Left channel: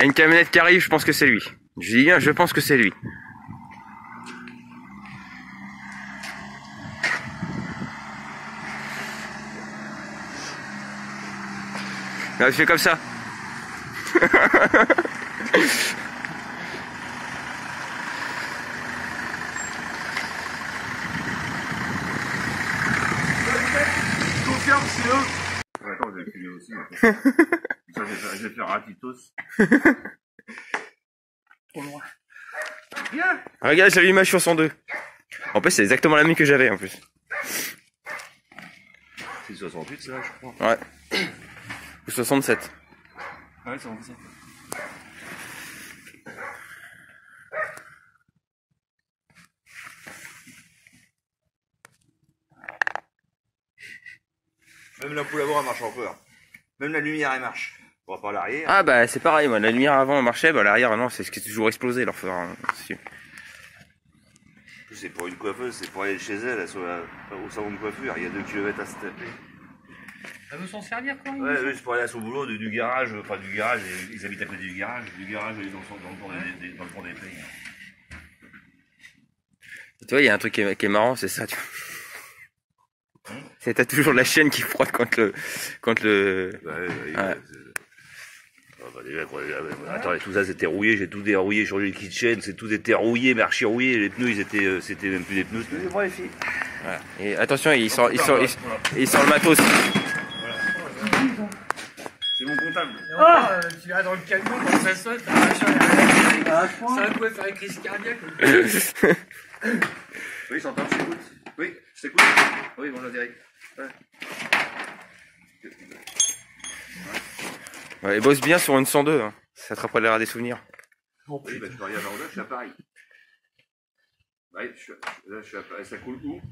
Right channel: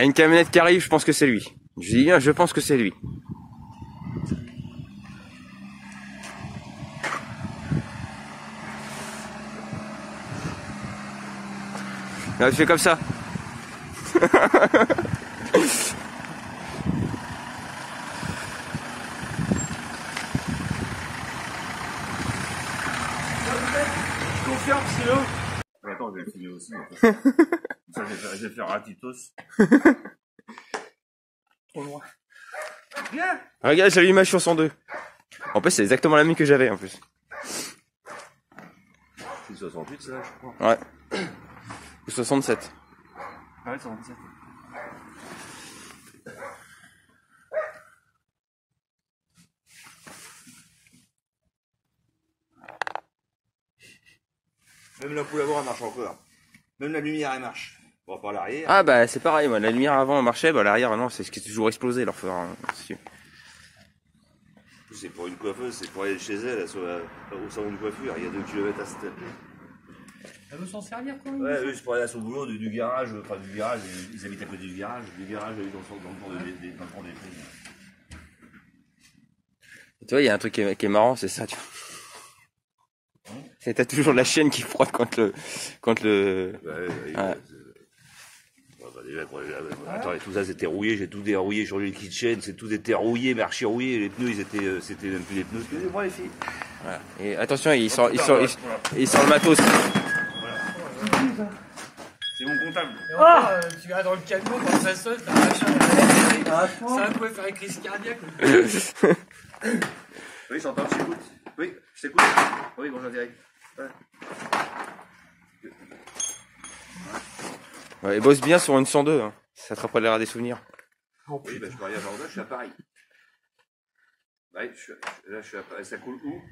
y a une camionnette qui arrive, je pense que c'est lui. Je dis bien, je pense que c'est lui. Là, je fais comme ça. C'est eux. Attends, je vais filmer aussi. Je vais faire Ratitos. Trop loin. Bien. Regarde, j'ai l'image sur 102. En plus, c'est exactement la même que j'avais en plus. C'est 68 ça, je crois. Ouais. Ou 67. Ah ouais, 67. Même la poule avant elle marche encore. Même la lumière elle marche. On va pas à l'arrière. Ah bah c'est pareil, moi la lumière avant marchait, bah l'arrière non, c'est ce qui est toujours explosé leur feu. Hein. C'est pour une coiffeuse, c'est pour aller chez elle, au salon de coiffure, il y a 2 km à cette. Ça veut s'en servir quoi. Ouais, oui, c'est pour aller à son boulot du garage, enfin du garage, ils habitent à côté du garage ils sont dans le pont des prix. Tu vois, il y a un truc qui est marrant, c'est ça, tu vois. C'est t'as toujours la chaîne qui frotte quand le. Déjà, attends, tout ça c'était rouillé, j'ai tout dérouillé sur les kitchen, c'est tout était rouillé, mais archi rouillé, les pneus ils étaient, c'était même plus des pneus. Excusez-moi les filles. Voilà. Et attention, il sort le matos. C'est mon comptable. Ah tu vas dans le camion, quand ça sonne, t'as un machin ça va faire une crise cardiaque. Oui, j'entends, je t'écoute. Oui, je t'écoute. Oui, bonjour direct. Ouais, il bosse bien sur une 102, hein. Ça te rappellera des souvenirs. Oh, oui, bah, je parie à Jordan, je suis à Paris. Bah, là, je suis à Paris. Ça coule où?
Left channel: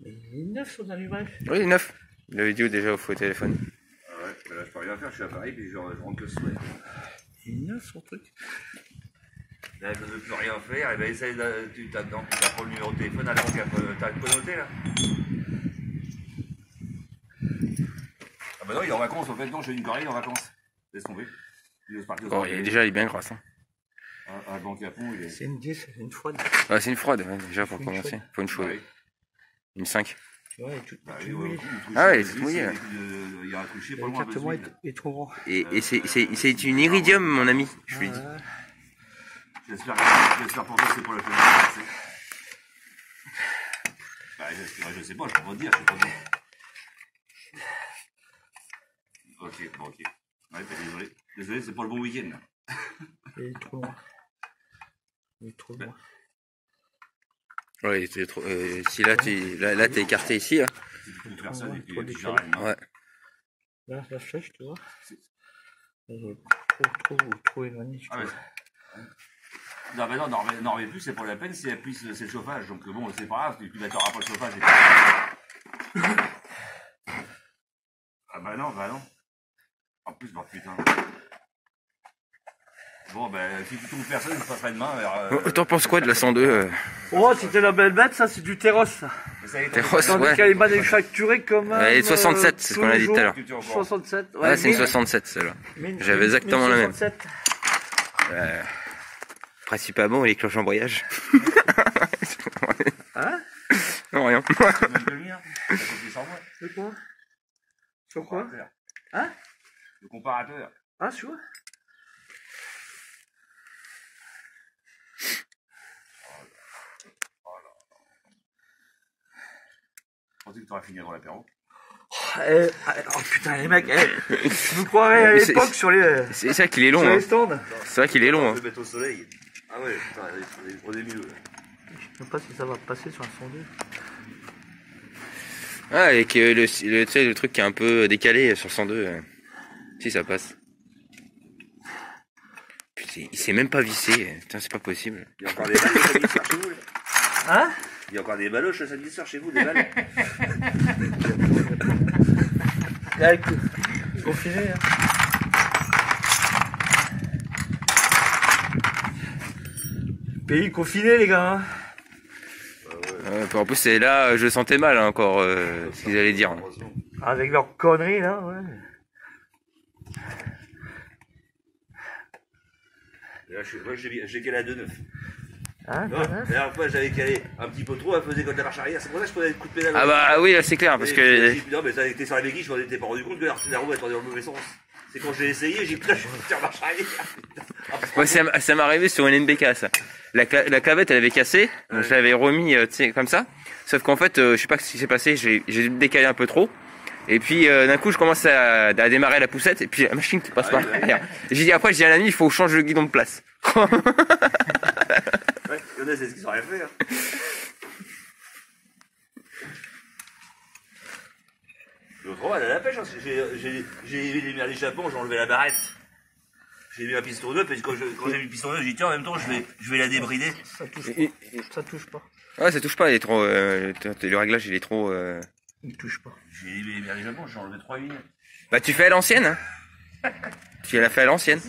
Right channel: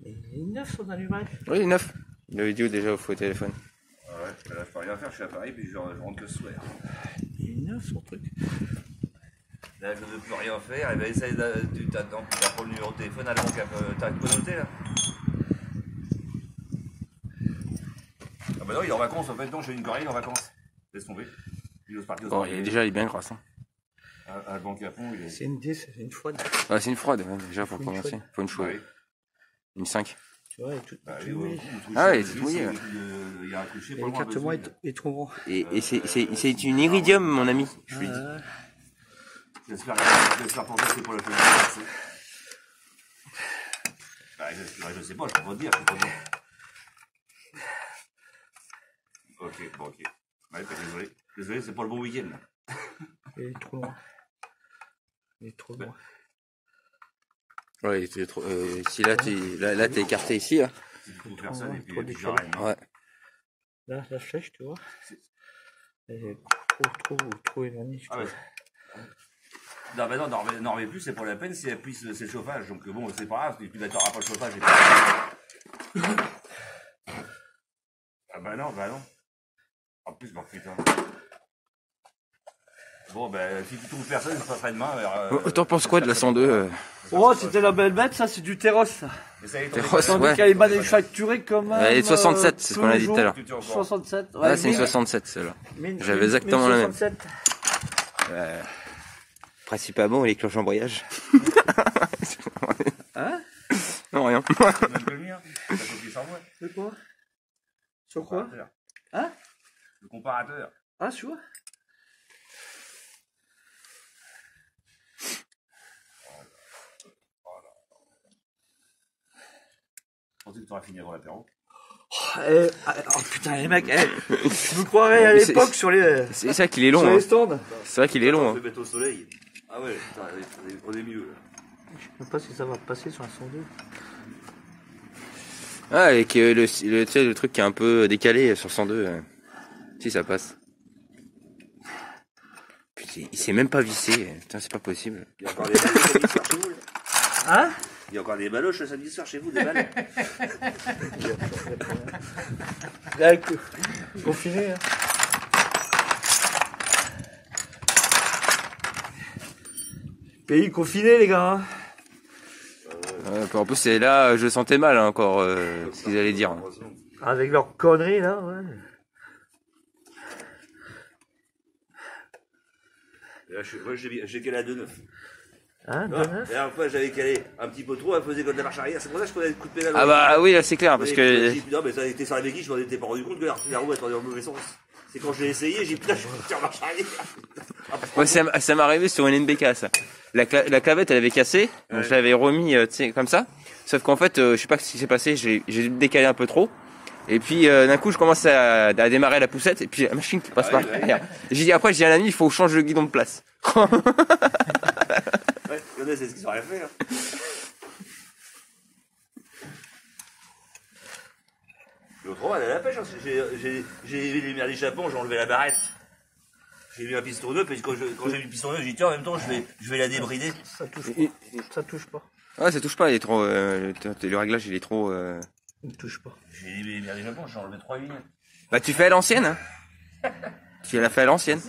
Les 9 sont allumés. Oui, 9. La vidéo déjà au téléphone. Ah ouais, bah là, je peux rien faire, je suis à Paris, puis je rentre que ce soir. Les 9 son truc. Là, je ne veux plus rien faire, et ben essaye tu t'attends, tu vas prendre le numéro de téléphone, à donc t'as connoté là. Ah bah non, il est en vacances, en fait, non, j'ai une Corée, il est en vacances. Laisse tomber. Oh, il est bien grasse. Hein. À Banque à Pont, il est. C'est une froide. Ouais, c'est une froide, ouais, déjà pour commencer. Faut une chaude. Ouais. Une 5. Tu vois, elle est toute mouillée. Ah ouais, c'est mouillé. Il y a un coucher pour moi. L'écartement est trop grand. Et c'est une iridium, mon ami, je lui dis. J'espère pour toi que c'est pour la première fois. Bah, je sais pas, je peux pas te dire, Ok, bon, ok. Ouais, désolé. Désolé, c'est pas le bon week-end. Il est trop loin. Il est trop loin. Ouais, il était trop. Si là t'es écarté ici, là. Trop décalé. Ouais. Là, la flèche, tu vois. Elle est trop éloignée, je trouve. Non, mais non, n'en reviens plus, c'est pas la peine si elle appuie c'est le chauffage. Donc bon, c'est pas grave, tu n'auras pas le chauffage. Ah bah non. En plus, bah putain. Bon, ben, si tu trouves personne, je passerai demain. T'en penses quoi de la 102 Oh, c'était la belle bête, ça, c'est du Terros, ça. Terros, ouais. Tandis qu'elle est manufacturée comme elle est 67, c'est ce qu'on a dit tout à l'heure. 67, ouais. Ah, c'est une 67, celle-là. J'avais exactement la même. Principe pas bon, les cloches embrayage. Hein? Non, rien. C'est quoi? Sur quoi? Hein? Le comparateur. Ah, tu vois? Je pensais que tu aurais fini avant l'apéro. Oh putain, les mecs, je vous croirais à l'époque sur les. C'est ça qu'il est long. Hein. C'est vrai qu'il est long. On peut mettre au soleil. Ah ouais, putain, on est milieu là. Je sais pas si ça va passer sur un 102. Ah, avec le truc qui est un peu décalé sur 102. Si ça passe. Putain, il s'est même pas vissé. Putain, c'est pas possible. Il y a encore des balles samedi soir chez vous là. Hein? Il y a encore des baloches le samedi soir chez vous, des balles. Confiné, hein. Pays confiné, les gars. Hein. En plus, c'est là, je sentais mal hein, encore ce qu'ils allaient dire. Avec leurs conneries, là, ouais. Moi, j'ai calé à 2,9. Ah, La dernière fois, j'avais calé un petit peu trop, elle faisait comme de la marche arrière. C'est pour ça que je prenais le coup de pédale. Ah bah oui, là c'est clair, parce que... Non, mais t'es sur la béquille, je m'en étais pas rendu compte que la roue était dans le mauvais sens. C'est quand j'ai essayé, j'ai putain, je vais faire marche arrière. Ouais, ça m'est arrivé sur une NBK, ça. La clavette, elle avait cassé, donc je l'avais remis, tu sais, comme ça. Sauf qu'en fait, je sais pas ce qui s'est passé, j'ai décalé un peu trop. Et puis, d'un coup, je commence à démarrer la poussette, et puis la machine qui passe par derrière. J'ai dit après, j'ai dit à l'ami, il faut changer le guidon de place. Ouais, c'est ce qu'ils auraient fait, hein. L'autre fois, elle a la pêche, hein. J'ai mis l'échappement, j'ai enlevé la barrette. J'ai mis ma piston neuve, et quand j'ai mis le piston neuve, j'ai dit tiens, en même temps, je vais la débrider. Ça touche pas. Ouais, ça touche pas, il est trop, le réglage, il est trop, Il touche pas. J'ai mis l'échappement, j'ai enlevé 3 lignes. Bah, tu fais à l'ancienne, hein. Tu l'as fait à l'ancienne.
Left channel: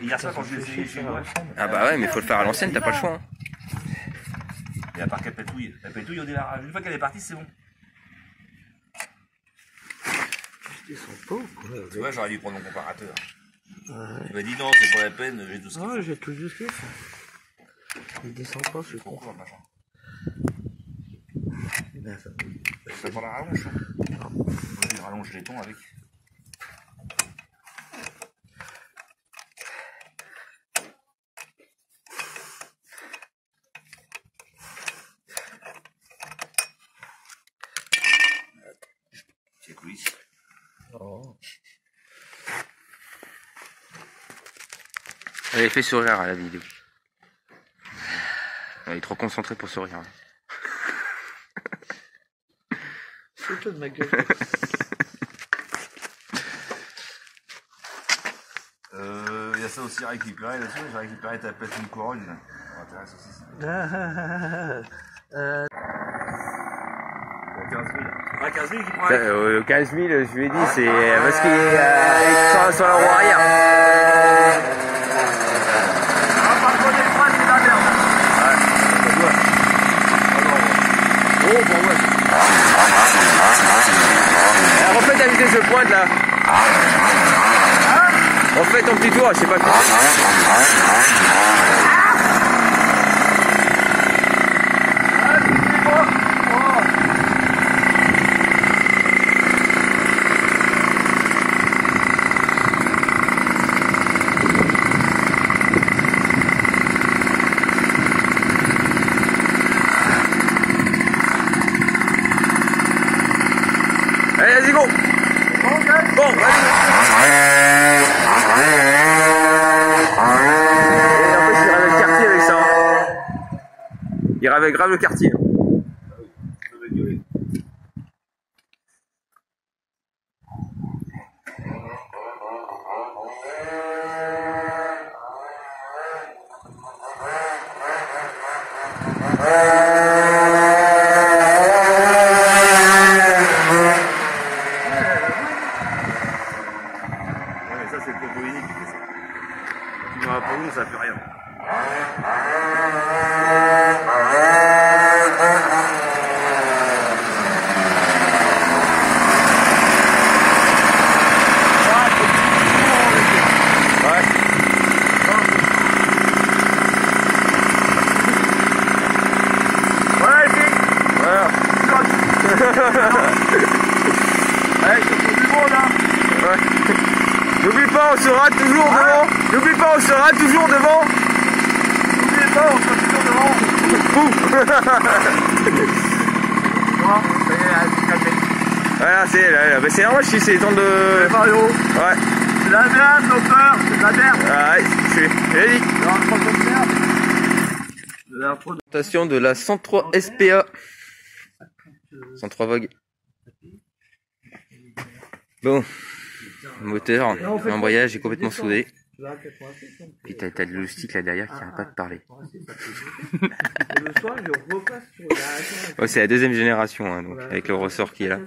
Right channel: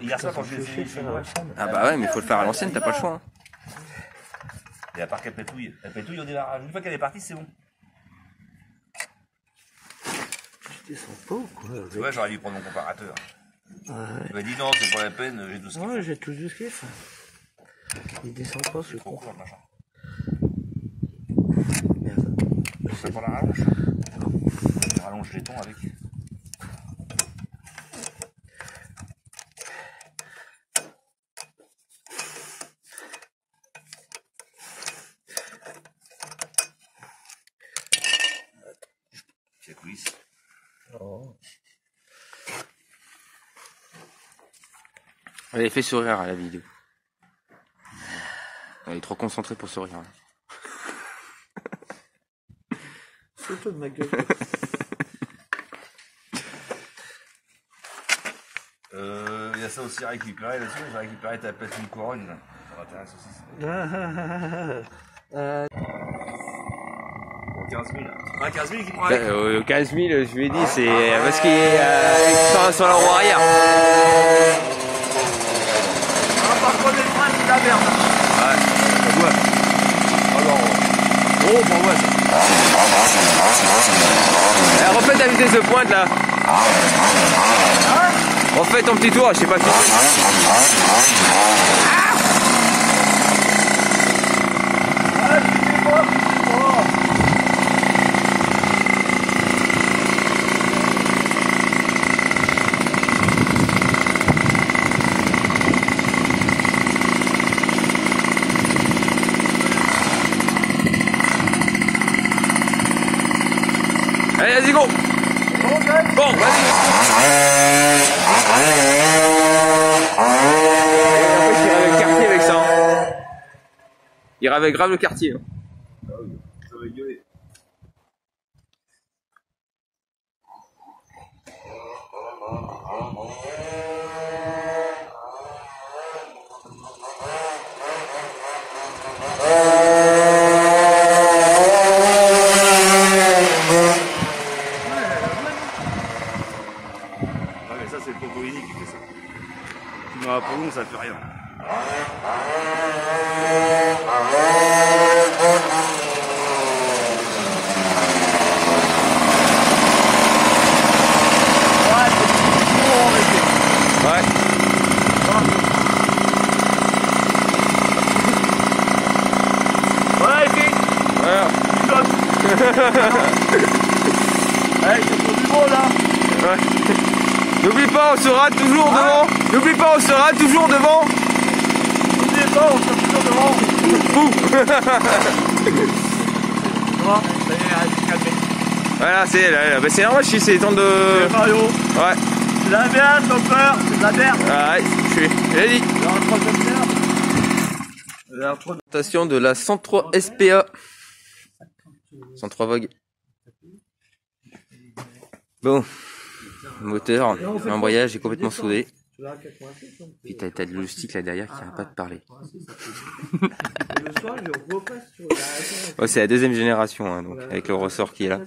Hier soir, quand je l'ai essayé chez moi. Ah bah ouais, mais faut le faire à l'ancienne, t'as pas le choix, hein. Et à part qu'elle pétouille. Elle pétouille au démarrage. Une fois qu'elle est partie, c'est bon. Ils sont pauvres, quoi. Tu vois, j'aurais dû prendre mon comparateur. Tu m'as dit non, c'est pas la peine, j'ai tout ce qu'il faut. Ouais, j'ai tout juste fait ça. Il descend pas, c'est con. Merde. Je fais pas la rallonge. Je rallonge les tons avec. C'est cool ici. Oh. Elle est fait sourire à la vidéo. Elle est trop concentrée pour sourire. Photo de ma gueule. Il y a ça aussi à récupérer. Là-dessus, j'ai récupéré ta platine couronne. Là. Ça m'intéresse aussi. Ça. 15 000. Ah, 15 000 qui prend avec. 15 000, je lui ai dit, c'est parce qu'il est sur la roue arrière. Par contre, les freins, c'est pas bien. Refais ta vitesse de pointe là. Refais ton petit tour, je sais pas qui. Allez, vas-y, go! Bon, vas-y! Et en fait, il ira avec le quartier avec ça. Il ira avec grave le quartier. Pour nous, ça fait rien. Ouais. Voilà, et puis, Voilà. allez, je te trouve du monde, là. Ouais. N'oublie pas, on sera toujours devant. N'oublie pas, on sera toujours devant. N'oubliez pas, on sera toujours devant. Voilà, c'est normal, c'est le temps de... Mario, Ouais. c'est la merde, docteur, c'est de la merde. Ouais, j'ai dit. Présentation de la 103 SPA. 103 Vogue. Bon. Moteur, l'embrayage est complètement soudé. Puis t'as le logistique là derrière qui n'arrête pas de parler. Ouais, c'est la deuxième génération, hein, donc, avec le ressort qui est là.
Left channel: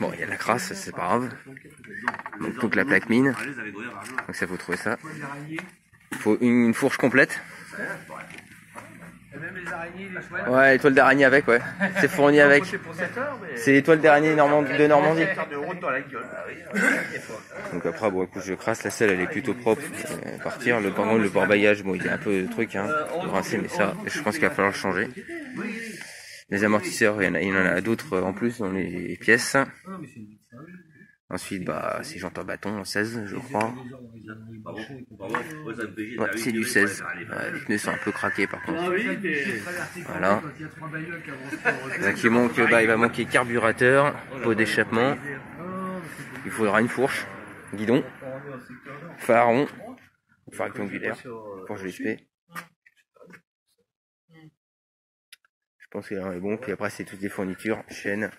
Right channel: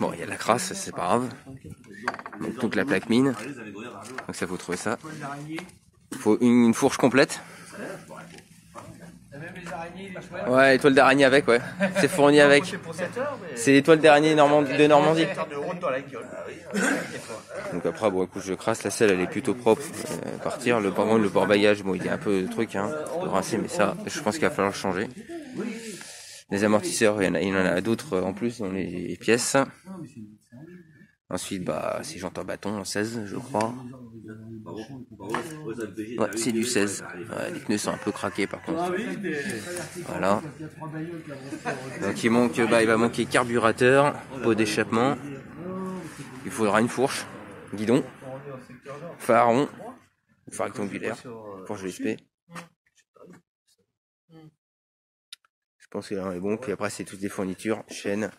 Bon, il y a de la crasse, c'est pas grave. Donc la plaque mine. Donc ça faut trouver ça. Il faut une fourche complète. les araignées, les chouettes. Ouais, étoile d'araignée avec, ouais. C'est fourni avec. C'est l'étoile d'araignée de Normandie. Donc après, bon, écoute, je crasse la selle, elle est plutôt propre. Partir. Par contre, le port-bagage, bon, il y a un peu de truc, hein, de rincer, mais ça, je pense qu'il va falloir le changer. Les amortisseurs, il y en a d'autres en plus dans les pièces. Ensuite, bah, ces jantes en bâton, 16, je crois. Ouais, c'est du 16. Ouais, les pneus sont un peu craqués par contre. Voilà. Donc il va manquer carburateur, pot d'échappement. Il faudra une fourche, guidon, phare rectangulaire, fourche GSP. Je pense que là on est bon. Puis après c'est toutes des fournitures, chaînes.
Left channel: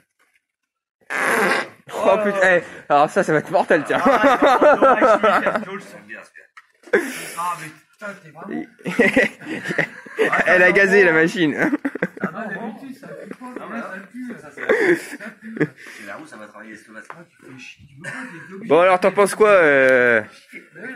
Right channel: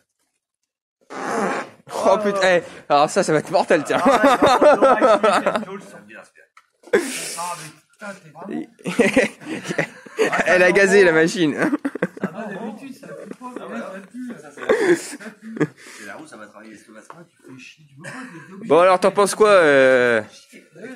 Oh putain, hey, alors ça va être mortel, tiens. Elle a gazé la machine. Bon alors t'en penses quoi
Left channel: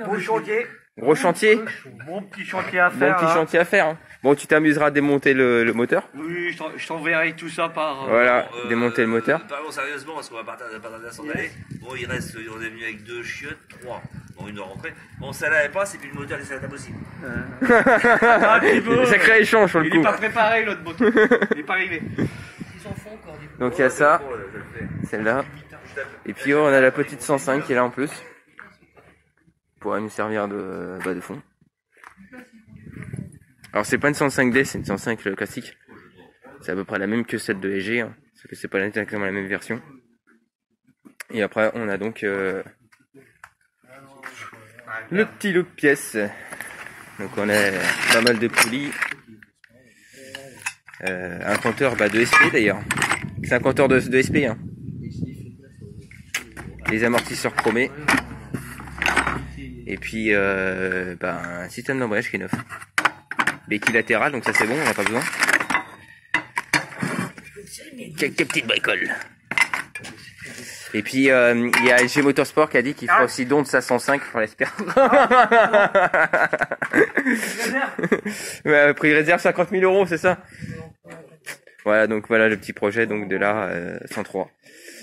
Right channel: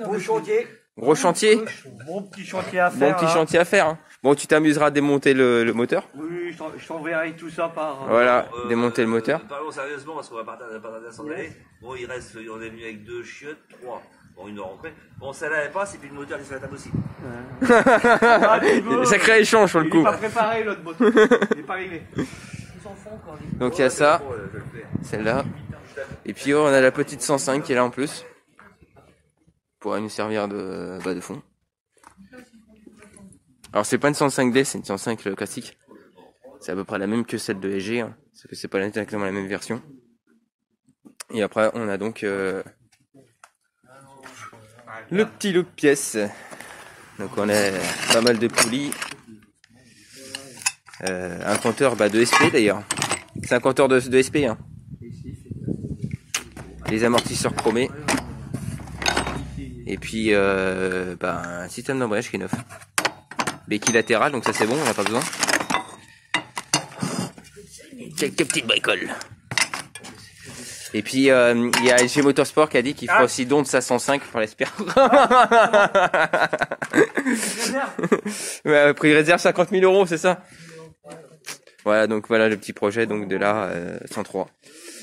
Gros chantier. Gros chantier. Bon petit chantier à faire. Bon petit chantier à faire. Hein. Bon, tu t'amuseras à démonter le moteur. Oui, je t'enverrai tout ça par... Voilà, démonter le moteur. Parlons sérieusement, parce qu'on va partir de s'en aller. Bon, on est venu avec 2 chiottes, 3. Bon, une rentrée. Bon, ça l'avait pas, c'est plus le moteur, c'est la table aussi. Sacré échange sur le coup. Il est pas préparé l'autre moteur. Il est pas arrivé. Donc il y a ça, celle-là. Et puis on a la petite 105 qui est là en plus. Pourrait nous servir de fond. Alors c'est pas une 105D, c'est une 105 classique. C'est à peu près la même que celle de EG, hein, parce que c'est pas exactement la même version. Et après on a donc le petit lot de pièces. Donc on a pas mal de poulies. Un compteur de SP d'ailleurs. C'est un compteur de SP. Hein. Les amortisseurs chromés. Et puis un système d'embrayage qui est neuf. L'équilatéral, donc ça c'est bon, on n'a pas besoin. Quelques petites bricoles. Et puis il y a LG Motorsport qui a dit qu'il fera aussi don de sa 105 pour l'espère. Ouais, prix réserve 50 000 €, c'est ça. Voilà, donc voilà le petit projet donc de la 103.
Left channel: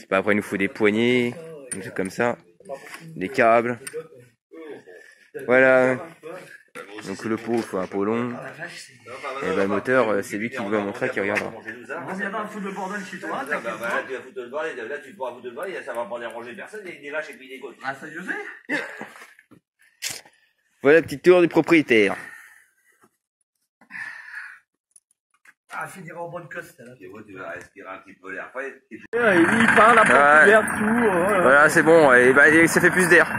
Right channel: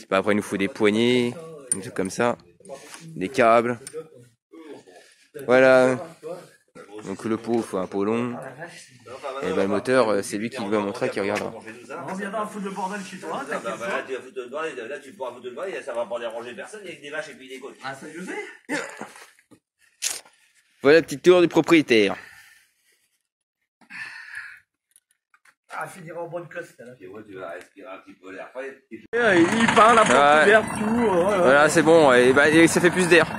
Bah, après il nous faut des poignées, des trucs comme ça, des câbles. Voilà. Donc le pot, il faut un pot long. Et le moteur, c'est lui qui va montrer, qui regardera. On viendra foutre le bordel chez toi. Là, tu vas foutre le bordel, là, tu pourras foutre le bordel, ça va pas déranger personne avec des vaches et puis des côtes. Ah, ça je sais. Voilà, petite tour du propriétaire. Ah, finira en bonne coste, là. Et moi, tu vas respirer un petit peu l'air frais. Il parle un peu d'air, tout. Voilà, c'est bon, et ça fait plus d'air.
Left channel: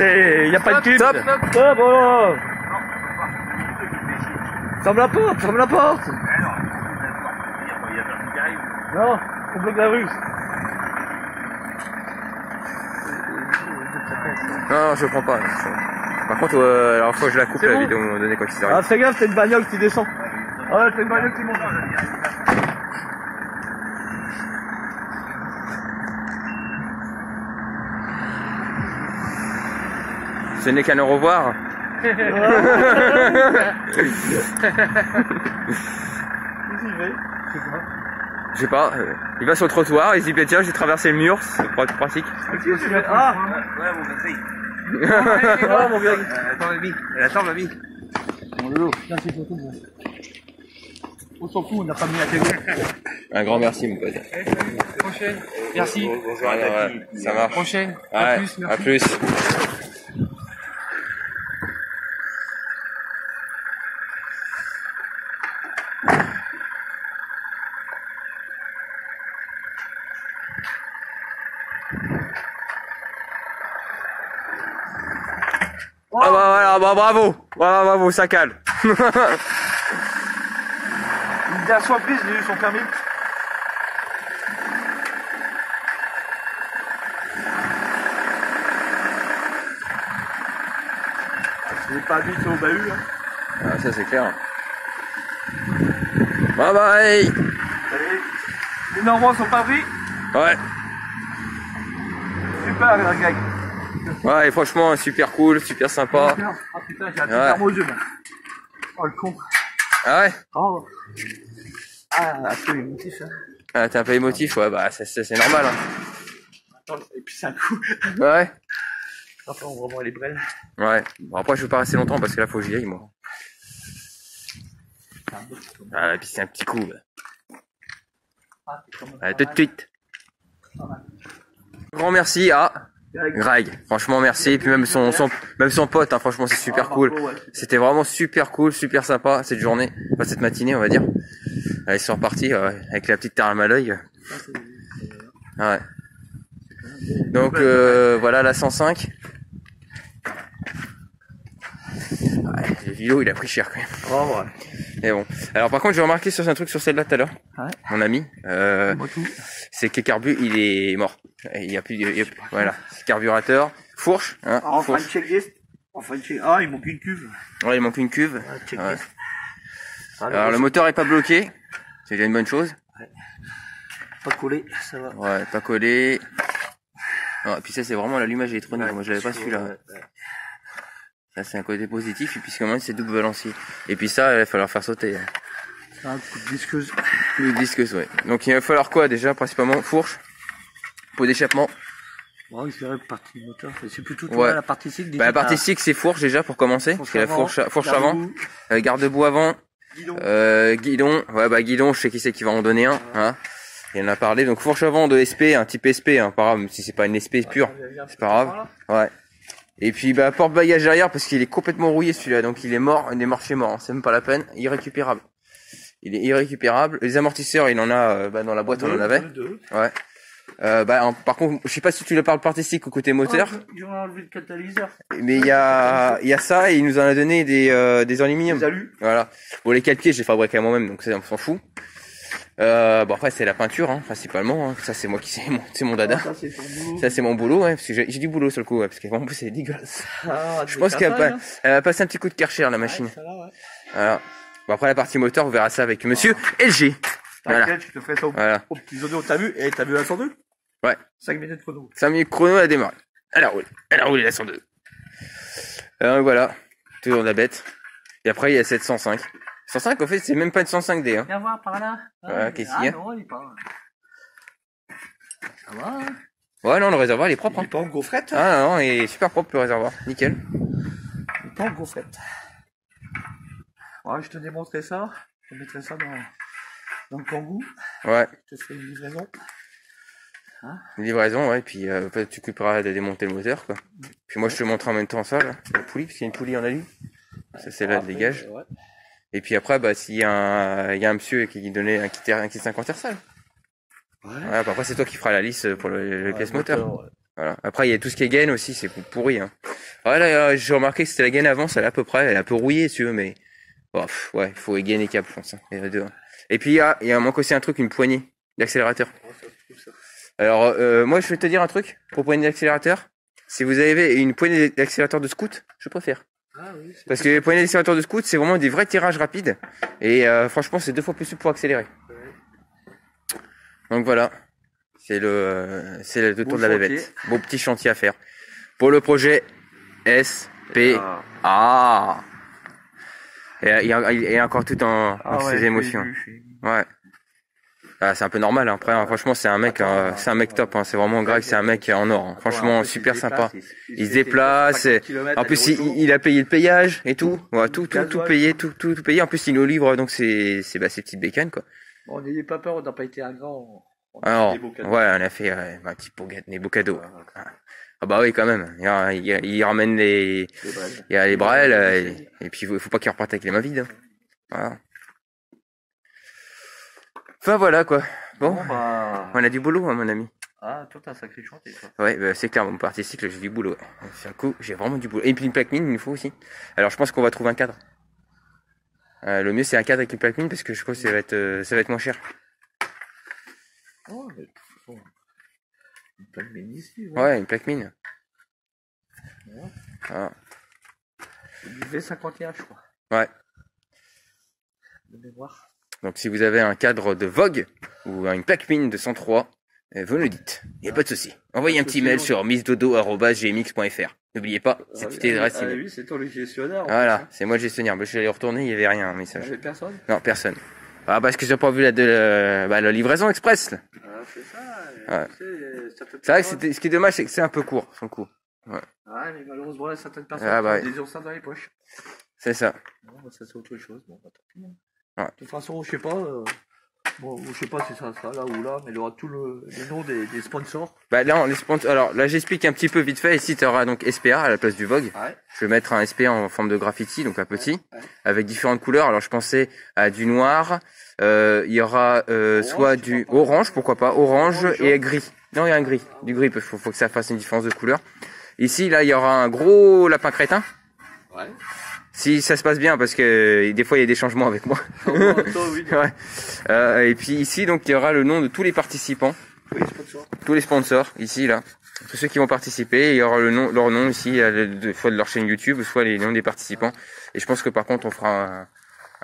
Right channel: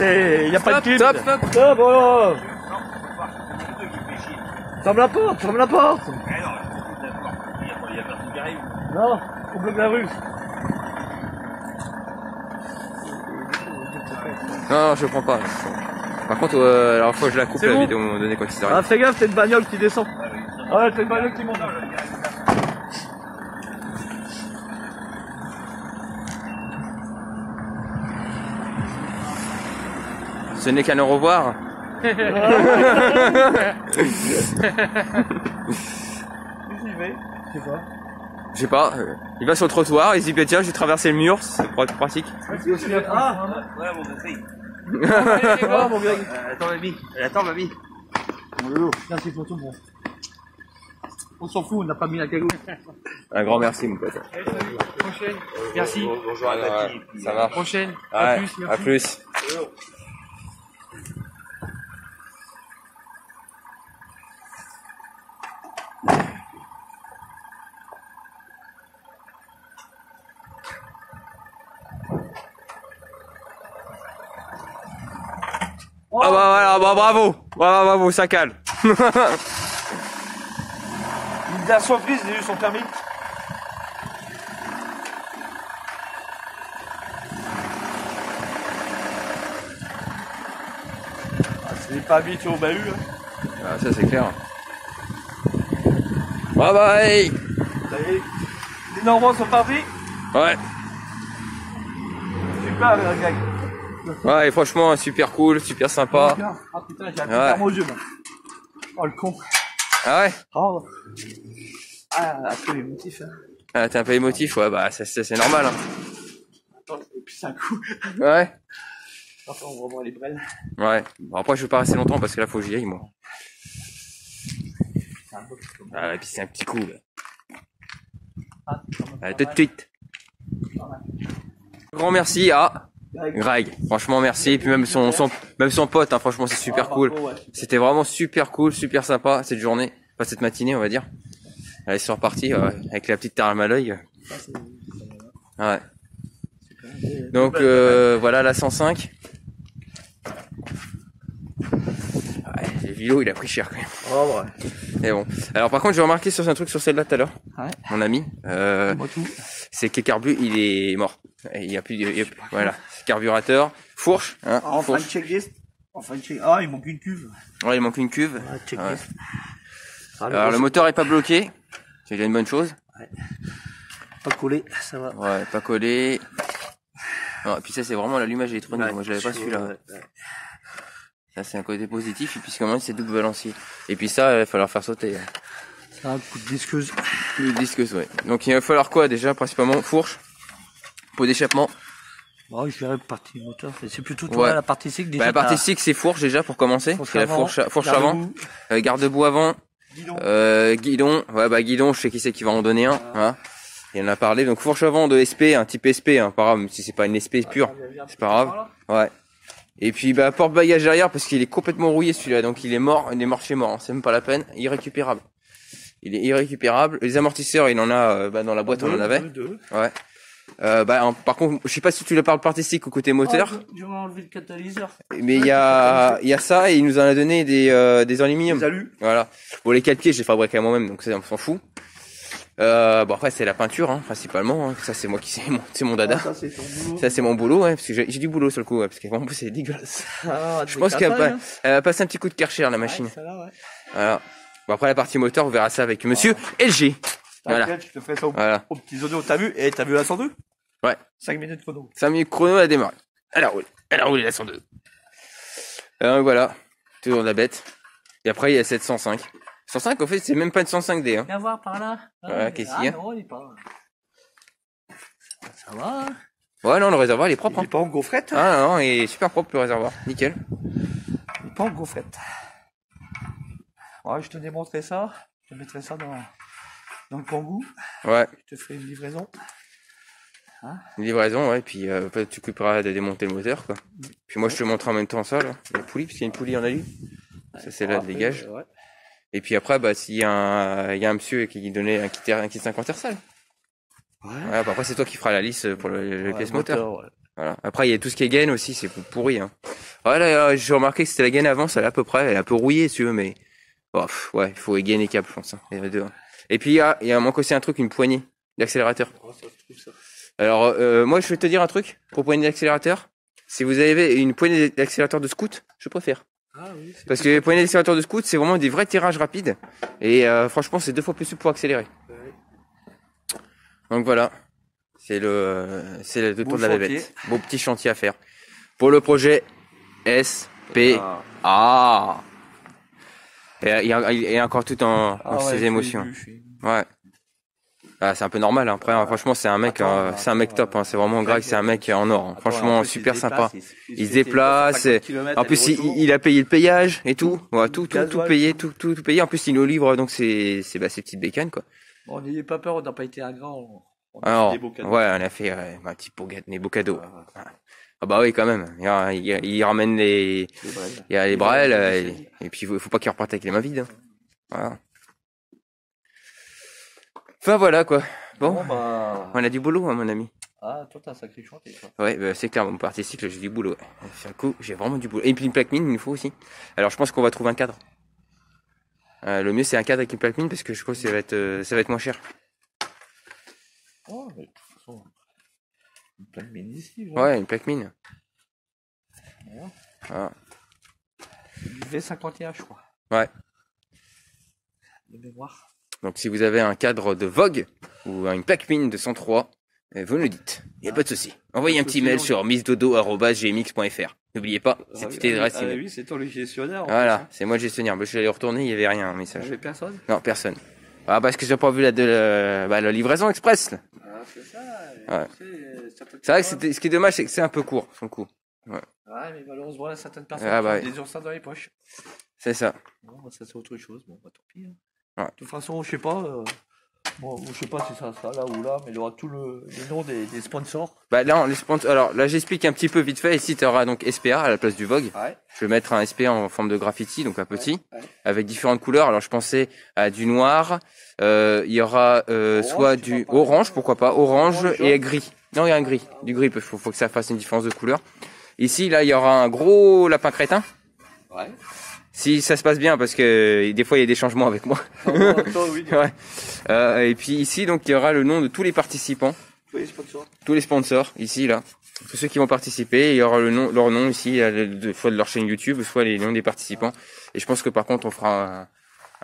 Il n'y a pas de clim. Top. Oh, bon. Ferme la porte, ferme la porte. Mais non, il y a personne qui arrive. Non, faut bloquer la rue. Non, je prends pas. Par contre, alors faut que je la coupe la vidéo à un moment donné quand il arrive. Ah, fais gaffe, t'as une bagnole qui descend. Ah, t'as une bagnole qui monte. Ce n'est qu'un au revoir. Je sais pas. Il va sur le trottoir, il se dit bah, tiens, je vais traverser le mur, c'est pratique. Ah, Ouais, mon petit. Attends, mamie. Mon loulou, là c'est photo, bon. On s'en fout, on n'a pas mis la télé. Un grand merci, mon pote. Prochaine. Merci. Bonjour à ta fille. Ça marche. Prochaine. Ouais, à plus. Ah bah voilà, bah bravo, ça cale. Une dernière surprise, j'ai eu son permis. Il n'est pas habitué au bahut. Ah, ça c'est clair. Bye bye. Les Normands sont pas pris. Ouais. Super, la gag. Ouais, et franchement, super cool, super sympa. Ah putain, j'ai un petit Ouais. arme au jeu là. Oh le con. Ah ouais? Oh. Ah, un peu émotif, hein. Ah, t'es un peu émotif, ouais, bah, c'est normal, hein. Attends, et puis c'est un coup. Ouais. Enfin, on va voir les brels. Ouais. Bon, après, je veux pas rester longtemps parce que là, faut que j'y aille, moi. Ah, et puis c'est un petit coup, bah. À tout de suite. Grand merci à Greg. Franchement, merci. Et puis même son pote, hein, franchement, c'est super cool. C'était vraiment super cool, super sympa cette journée, enfin cette matinée, on va dire. Là, ils sont repartis avec la petite therme à l'œil. Ouais. Donc voilà la 105. Ouais, le vélo, il a pris cher quand même. Oh, ouais. Mais bon. Alors par contre, j'ai remarqué sur un truc sur celle-là tout à l'heure. Ouais. Mon ami. C'est que le carbu, il est mort. Il y a plus, voilà. Carburateur, fourche, hein. Ah, enfin, Fourche. checklist. Enfin, ah, il manque une cuve. Ouais, il manque une cuve. Ouais, checklist. Ouais. Alors le moteur est pas bloqué. C'est déjà une bonne chose. Ouais. Pas collé, ça va. Ouais, pas collé. Non, et puis ça, c'est vraiment l'allumage électronique. Ouais, moi, je l'avais pas celui-là. Ouais. Ça, c'est un côté positif. Et puis, c'est quand même, c'est double balancier. Et puis ça, il va falloir faire sauter. Ça, petite disqueuse. Une disqueuse, ouais. Donc, il va falloir quoi, déjà? Principalement, fourche. Pot d'échappement. Bon, je dirais partie moteur. C'est plutôt Ouais. la partie cycle. Bah, la partie cycle, c'est fourche, déjà, pour commencer. Parce que la fourche avant. Garde-boue avant. Guidon. Ouais, bah, guidon, je sais qui c'est qui va en donner un. Hein. Il en a parlé. Donc, fourche avant de SP, un type SP, hein. Pas grave, même si c'est pas une SP pure. C'est pas grave. Ouais. Et puis, bah, porte-bagages derrière, parce qu'il est complètement rouillé, celui-là. Donc, il est mort chez mort. Hein. C'est même pas la peine. Irrécupérable. Il est irrécupérable. Les amortisseurs, il en a, dans la boîte, on en avait. Ouais. Par contre, je sais pas si tu le parles partie cycle ou côté moteur. Ils ont enlevé le catalyseur. Mais il y a ça, et il nous en a donné des aluminium. Des alus. Voilà. Bon, les calpiers, je les fabriqué moi-même, donc ça, on s'en fout. Bon, après, c'est la peinture, hein, principalement, hein. Ça, c'est moi c'est mon dada. Ça, c'est ton boulot. Ça, c'est mon boulot, ouais, parce que j'ai du boulot sur le coup, ouais, parce que vraiment, c'est dégueulasse. Ah, Je pense qu'elle va passer un petit coup de Karcher, la machine. Ouais, ça, là, ouais. Voilà. Bon, après, la partie moteur, on verra ça avec monsieur LG. Voilà. T'inquiète, je te fais ça Voilà. au petit zono. T'as vu? Et t'as vu la 102? Ouais. 5 minutes chrono. 5 minutes chrono, elle a démarré. Elle a roulé la 102. Voilà. Toujours de la bête. Et après, il y a cette 105. 105, en fait, c'est même pas une 105D, hein. Viens voir par là. Ouais, qu'est-ce qu'il y a? Non, il est pas. Ça va, hein? Ouais, non, le réservoir, il est propre, Il hein. est pas en gaufrette? Ah, non, il est super propre, le réservoir. Nickel. Il est pas en gaufrette. Ouais, je te démontrerai ça. Je te mettrai ça dans le Kangoo. Ouais. Je te ferai une livraison. Une livraison, ouais. Puis, tu t'occuperas de démonter le moteur, quoi. Puis moi, je te montre en même temps ça, là. La poulie, parce qu'il y a une poulie en alu. Ça, c'est là, de dégage. Ouais. Et puis après, bah, s'il y a un monsieur qui donnait un kit 50 sale. Ouais. Voilà, bah, après, c'est toi qui feras la liste pour les pièces moteur. Ouais. Voilà. Après, il y a tout ce qui est gaine aussi, c'est pourri, hein. Ouais, là, j'ai remarqué que c'était la gaine avant, ça là, à peu près, elle est un peu rouillée, si tu veux, mais, bon, ouais, il faut gainer les câbles, je pense, hein, les deux. Et puis, il y a manque aussi un truc, une poignée d'accélérateur. Alors, moi, je vais te dire un truc, pour poignée d'accélérateur. Si vous avez une poignée d'accélérateur de scout, je préfère. Ah, oui, Parce que les poignées d'accélérateur de scout, c'est vraiment des vrais tirages rapides. Et franchement, c'est 2 fois plus souple pour accélérer. Ouais. Donc voilà. C'est le tour de la chantier. bébête. Beau petit chantier à faire. Pour le projet SPA. Et il y a encore tout dans ses émotions. Ouais. Ah, c'est un peu normal, hein. Après, hein, franchement, c'est un mec top, hein. C'est vraiment Greg, c'est un mec en or, hein. Franchement, super sympa. Il se déplace, en plus, il a payé le payage et tout. Ouais, tout payé, tout payé. En plus, il nous livre, donc ces petites bécanes, quoi. Bon, n'ayez pas peur, on n'a pas été ingrat. Alors, ouais, on a fait, un petit des beaux cadeaux. Ah bah oui, quand même. Il ramène il y a les brels, et puis il faut pas qu'il reparte avec les mains vides, hein. Voilà. Enfin voilà quoi. Bon, Bah... on a du boulot, hein, mon ami. Ah, toi t'as un sacré chantier, toi. Ouais, bah, c'est clair, mon parti cycle, j'ai du boulot. Ouais. C'est un coup, j'ai vraiment du boulot. Et puis une plaque mine, il nous faut aussi. Alors je pense qu'on va trouver un cadre. Le mieux c'est un cadre avec une plaque mine parce que je crois que ça va être moins cher. Oh, mais de toute façon, une plaque mine ici. Ouais, une plaque mine. Ouais. Ah. Du V51, je crois. Ouais. De mémoire. Donc si vous avez un cadre de Vogue ou une plaque mine de 103, vous nous le dites. Il n'y a pas de souci. Envoyez un petit mail sur missdodo@gmx.fr. N'oubliez pas, c'est toutes les adresses. Oui, c'est toi le gestionnaire. Voilà, c'est moi le gestionnaire. Je suis allé retourner, il n'y avait rien, un Il message. n'y avait personne. Non, personne. Ah, parce que j'ai pas vu la livraison express, là. Ah, c'est ça. Ouais. Tu sais, certaines C'est vrai que personnes- ce qui est dommage, c'est que c'est un peu court, son coup. Ouais, mais malheureusement, il y a certaines personnes Ah, bah, qui ouais. ont des oursins dans les poches. C'est ça. Non, bah, ça, c'est autre chose. Bon, bah, tant pis. Hein. Ouais. De toute façon, je sais pas. Bon, je sais pas si ça sera là ou là, mais il y aura tout les noms des sponsors. Bah là, les sponsors. Alors là, j'explique un petit peu vite fait. Ici, tu auras donc SPA à la place du Vogue. Ouais. Je vais mettre un SPA en forme de graffiti, donc un petit, Ouais. avec différentes couleurs. Alors je pensais à du noir. Il y aura soit du orange, pourquoi pas, orange et gris. Non, il y a un gris, du gris. Parce qu'il faut que ça fasse une différence de couleur. Ici, là, il y aura un gros lapin crétin. Ouais. Si ça se passe bien, parce que des fois il y a des changements avec moi. Oui, Ouais. Et puis ici, donc il y aura le nom de tous les participants, oui, sponsors. tous les sponsors ici là, tous ceux qui vont participer. Il y aura leur nom ici, soit de leur chaîne YouTube, soit les noms des participants. Et je pense que par contre on fera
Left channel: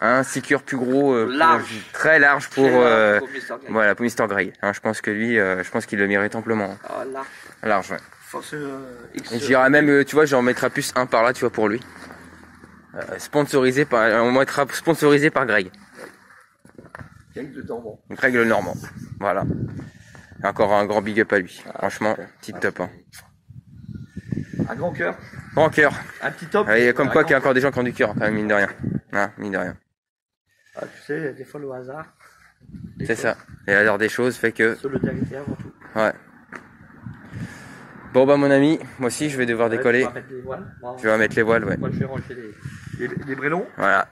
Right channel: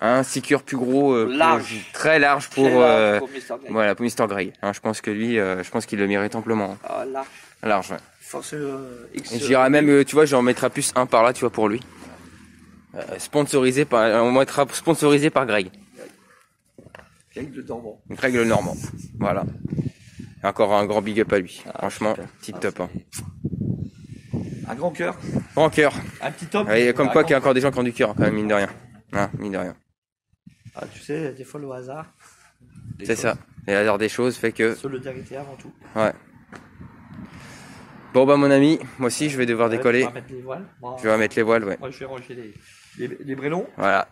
un sticker plus gros, Large. très large pour Pour Mr. Greg. voilà pour Mr. Greg. Hein, je pense que lui, je pense qu'il le mérite amplement. Ah, large. Large. Ouais. Force X. Et j'irai même, tu vois, j'en mettrai plus un par là, tu vois, pour lui. On mettra sponsorisé par Greg. Greg de Dormant. Greg le Normand. Voilà. Et encore un grand big up à lui. Ah, Franchement, super. petit top. Hein. Un grand cœur. Grand cœur. Un petit top. Et comme Un quoi grand- qu'il y a encore des gens qui ont du cœur, quand même, mine de rien. Hein, mine de rien. Ah, tu sais, des fois le hasard. Des C'est fois, ça. Et la hasard des choses fait que... Solidarité avant tout. Ouais. Bon bah mon ami, moi aussi je vais devoir décoller. On va mettre les voiles. Moi, Je vais remettre les voiles, ouais. moi, je vais ranger les brélons. Voilà.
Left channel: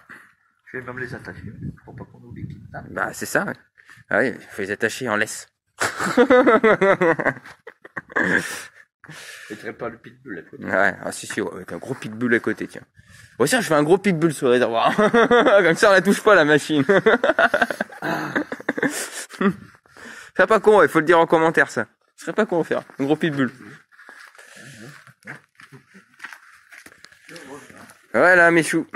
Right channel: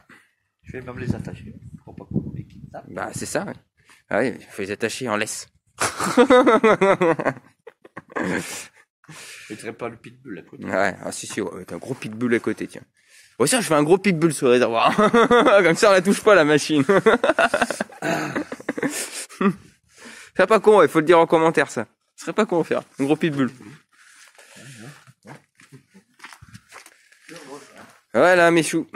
Je vais même les attacher. Pour pas qu'on oublie qu'ils tapent. Bah c'est ça. Ouais. Ah oui, il faut les attacher en laisse. Je ne pas le pitbull à côté. Ouais, ah si, ouais, avec un gros pitbull à côté, tiens. Bon, tiens, je fais un gros pitbull sur le réservoir. Comme ça, on la touche pas, la machine. C'est pas con, il faut le dire en commentaire, ça. Ce serait pas con à faire. Un gros pitbull. Voilà, mes choux.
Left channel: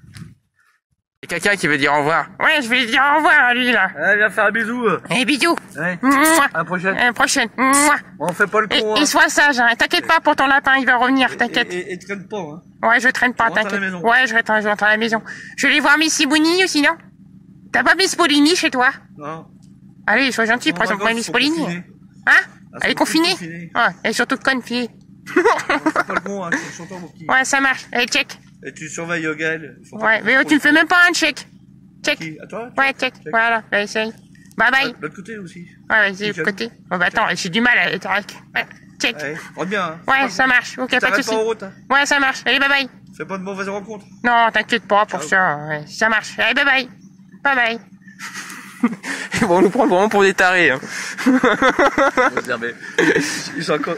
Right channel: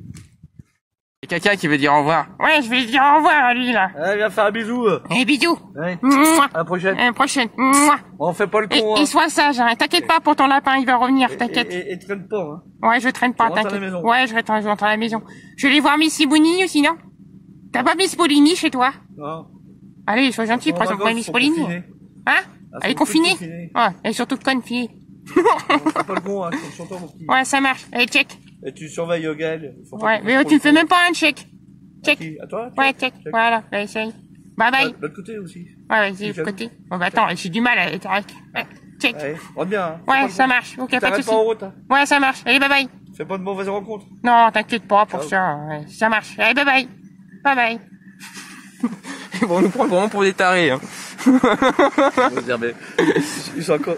Il y a quelqu'un qui veut dire au revoir. Ouais, je vais lui dire au revoir à lui, là. Allez, viens faire un bisou. Et bisous. Ouais. Mouah. À la prochaine. À la prochaine. Mouah. On fait pas le Et, con. et sois sage, hein. T'inquiète pas pour ton lapin, il va revenir, t'inquiète. Et traîne pas. Hein. Ouais, je traîne pas, Tu rentres à la t'inquiète. maison. Ouais, je rentre à la maison. Je vais aller voir Miss Sibouni aussi, non? T'as pas Miss Polini chez toi? Non. Allez, sois gentil, Nos prends son vacances point Miss sont Polini. confinées. Hein? Elles Elle est sont toutes confinée? confinées. Ouais, elle est surtout confiée. On fait pas le con. Hein. C'est sur toi, mon petit. Ouais, ça marche. Allez, check. Et tu surveilles Gaël. Il faut pas Ouais, qu'on mais trop tu me le fais con. même pas un check. Check. Qui À toi Ouais, check. Voilà, bah, essaye. Bye bye. De l'autre côté aussi. Ouais, vas-y, de Nickel. côté. Bon, bah, attends, j'ai du mal à être avec. Ouais, check. Allez, rentre bien. Hein. Fais pas Ouais, le ça con. marche. Ok, pas de T'arrêtes soucis. pas en route. Hein. Ouais, ça marche. Allez, bye bye. Fais pas de mauvaises rencontres. Non, t'inquiète pas pour Ciao. ça. Ouais, ça marche. Allez, bye bye. Bye bye. Ils vont nous prendre vraiment pour des tarés. Hein. Ils sont encore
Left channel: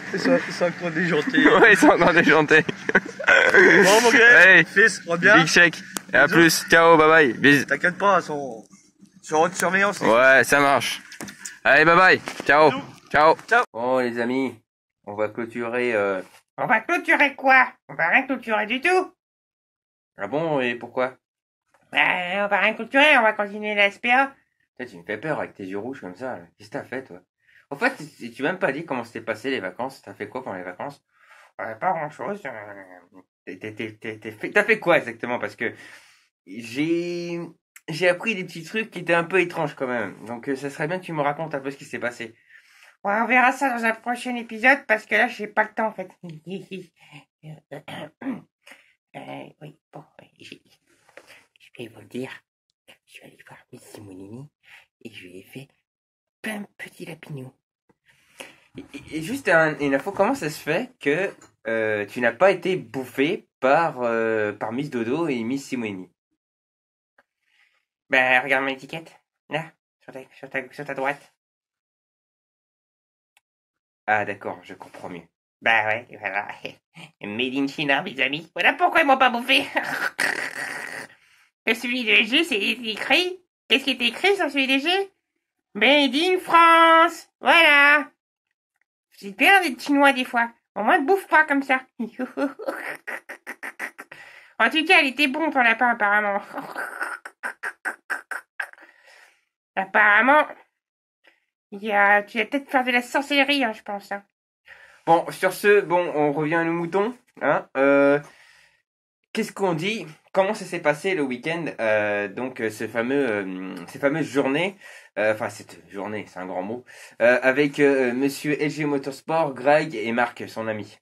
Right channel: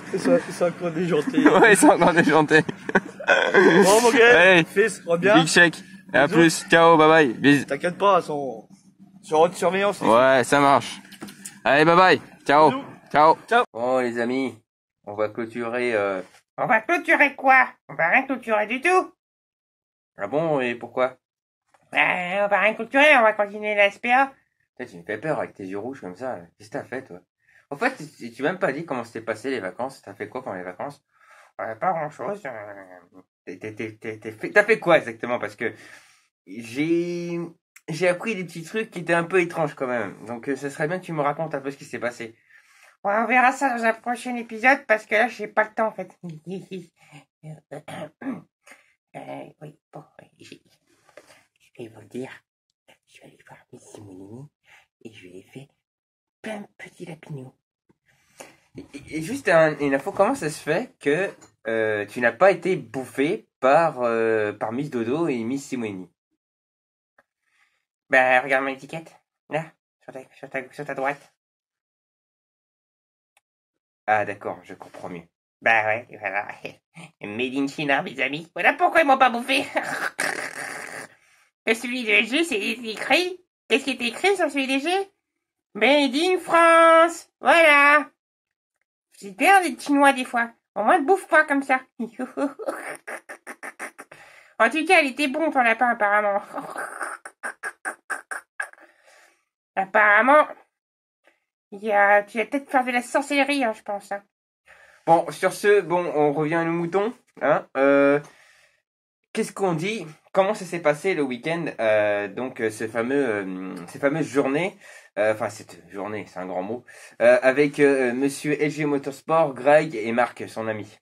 déjantés. Ouais, ils sont encore déjantés. Bon, mon gars, Allez. fils, rentre bien. Big shake. Et à Bisous. plus. Ciao, bye bye. Bisous. T'inquiète pas, sur haute surveillance. Ouais, ça marche. Allez, bye bye. Ciao. Bisous. Ciao. Ciao. Bon, les amis, on va clôturer. On va clôturer quoi? On va rien clôturer du tout. Ah bon, et pourquoi? On va rien clôturer, on va continuer la SPA. Putain, tu me fais peur avec tes yeux rouges comme ça. Là. Qu'est-ce que t'as fait, toi? En fait, tu m'as même pas dit comment s'était passé les vacances. T'as fait quoi pendant les vacances? Pas grand chose. T'as fait quoi exactement? Parce que j'ai appris des petits trucs qui étaient un peu étranges quand même. Donc, ça serait bien que tu me racontes un peu ce qui s'est passé. Ouais, on verra ça dans un prochain épisode parce que là, j'ai pas le temps en fait. Oui, bon, je vais vous le dire. Je suis allé voir Miss Simonini et je lui ai fait plein de petits lapinous. Et juste une info, comment ça se fait que tu n'as pas été bouffé par Miss Dodo et Miss Simonini? Ben, regarde mon étiquette. Là, sur ta droite. Ah d'accord, je comprends mieux. Bah ouais, voilà. Made in China, mes amis. Voilà pourquoi ils m'ont pas bouffé. Et celui de G, c'est écrit. Qu'est-ce qui est écrit sur celui de G? Made in France. Voilà. C'est bien des Chinois des fois. Au moins, ne bouffe pas comme ça. En tout cas, elle était bon ton lapin, apparemment. Apparemment, Tu vas peut-être faire de la sorcellerie, hein, je pense. Hein. Bon, sur ce, bon, on revient à nos moutons. Hein, qu'est-ce qu'on dit? Comment ça s'est passé le week-end? Donc, ces fameuses journées, enfin, cette journée, c'est un grand mot, avec monsieur LG Motorsport, Greg et Marc, son ami.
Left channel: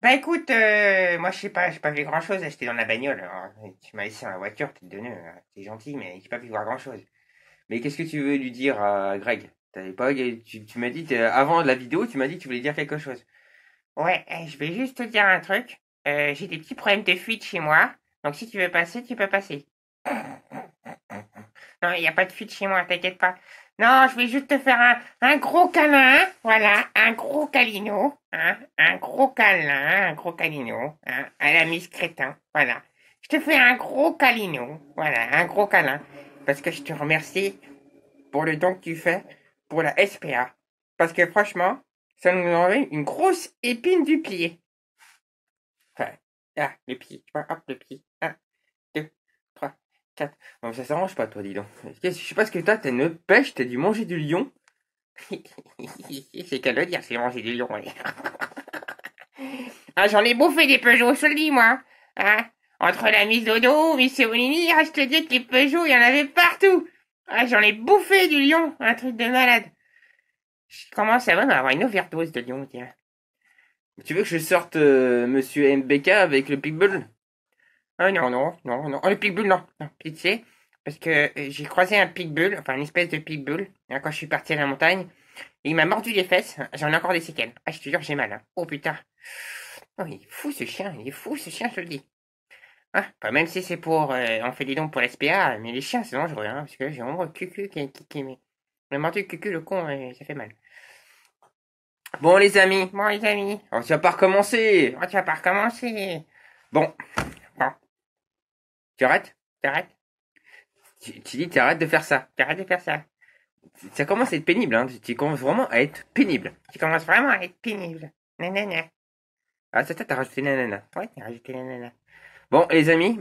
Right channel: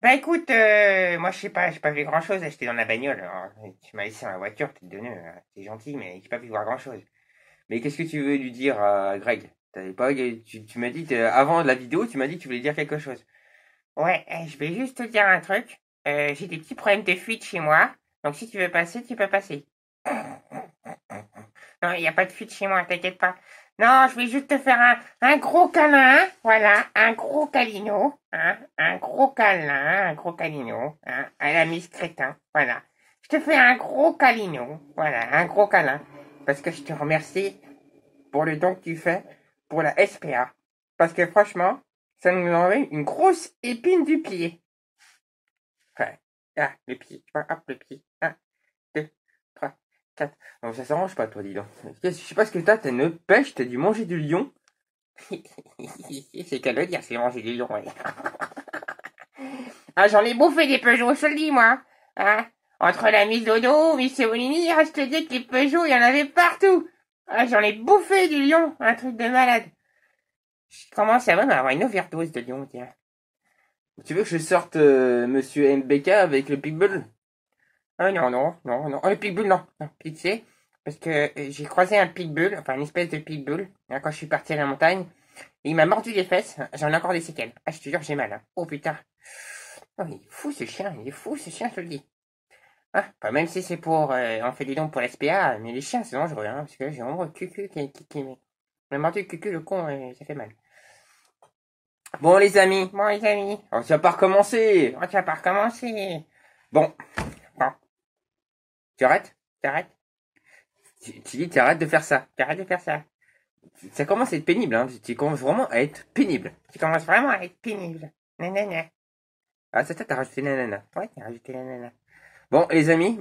Bah écoute, moi j'ai pas vu grand chose, j'étais dans la bagnole. Alors, tu m'as laissé dans la voiture, t'es donné, t'es gentil, mais j'ai pas pu voir grand chose. Mais qu'est-ce que tu veux lui dire à Greg? T'avais pas, tu m'as dit, avant la vidéo, tu m'as dit que tu voulais dire quelque chose. Ouais, je vais juste te dire un truc. J'ai des petits problèmes de fuite chez moi, donc si tu veux passer, tu peux passer. Non, il n'y a pas de fuite chez moi, t'inquiète pas. Non, je vais juste te faire un gros câlin, voilà, un gros câlino, hein, un gros câlin, un gros câlino, hein, à la Miss Crétin, voilà. Je te fais un gros câlino, voilà, un gros câlin, parce que je te remercie pour le don que tu fais pour la SPA, parce que franchement, ça nous enlève une grosse épine du pied. Enfin, là, le pied, tu vois, hop, le pied, 1, 2, 3, 4. Non, ça s'arrange pas, toi, dis donc. Je sais pas ce que t'as une pêche, t'as dû manger du lion. C'est qu'à le dire, c'est manger du lion, ouais. Ah, j'en ai bouffé des Peugeot, je te le dis, moi. Hein, entre la mise dodo, Miss Evolini, je te dis que les Peugeot, il y en avait partout. Ah, j'en ai bouffé du lion, un truc de malade. Je commence à même avoir une overdose de lion, tiens. Tu veux que je sorte monsieur MBK avec le Pitbull? Oh non. Oh, le pitbull, non, pitié. Parce que j'ai croisé un pitbull, enfin une espèce de pitbull, hein, quand je suis parti à la montagne. Et il m'a mordu les fesses. J'en ai encore des séquelles. Ah, je te jure, j'ai mal. Hein. Oh putain. Oh, il est fou ce chien, je te le dis. Ah, pas même si c'est pour... on fait des dons pour l'SPA, mais les chiens, c'est dangereux, hein, parce que là, j'ai vraiment le cucu qui m'a mordu le cucu, le con, et ça fait mal. Bon, les amis. On Tu vas pas recommencer. Bon. Tu arrêtes? T'arrêtes. Tu dis, t'arrêtes de faire ça. Ça commence à être pénible, hein. Tu commences vraiment à être pénible. Nanana. Ah, ça, t'as rajouté nanana. Ouais, t'as rajouté nanana. Bon, les amis,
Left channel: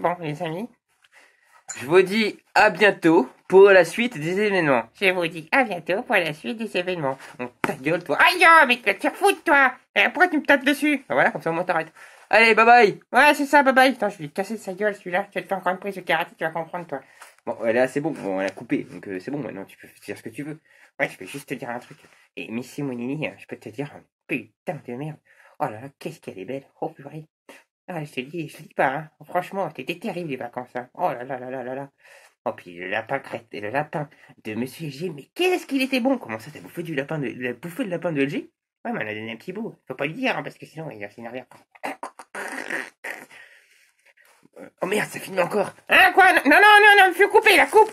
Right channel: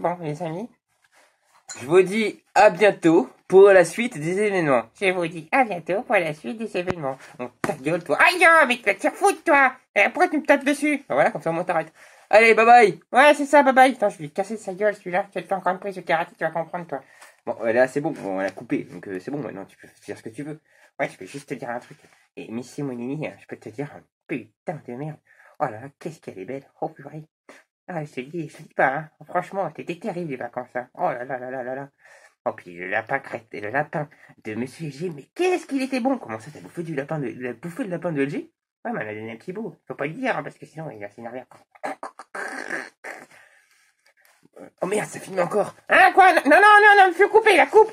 je vous dis à bientôt pour la suite des événements. Je vous dis à bientôt pour la suite des événements. Oh, ta gueule, toi. Aïe, mais tu vas te faire foutre, toi. Pourquoi tu me tapes dessus? Voilà, comme ça, au moins, t'arrêtes. Allez, bye bye. Ouais, c'est ça, bye bye. Attends, je vais te casser sa gueule, celui-là. Tu vas te faire encore une prise de karaté, tu vas comprendre, toi. Bon, là, c'est bon. Bon, on l'a coupé, donc c'est bon, maintenant, tu peux dire ce que tu veux. Ouais, je peux juste te dire un truc. Et Missy Monini, je peux te dire, putain de merde. Oh là là, qu'est-ce qu'elle est belle. Oh purée. Ah, je te dis pas, hein. Franchement, t'étais terrible les vacances, hein. Oh là là là là là là. Oh, puis le lapin de Monsieur G, mais qu'est-ce qu'il était bon. Comment ça, t'as bouffé le lapin de LG? Ouais, mais on a donné un petit bout. Faut pas le dire, hein, parce que sinon, il va s'énerver encore. Oh merde, ça finit encore. Hein, quoi? Non, me fais couper, la coupe.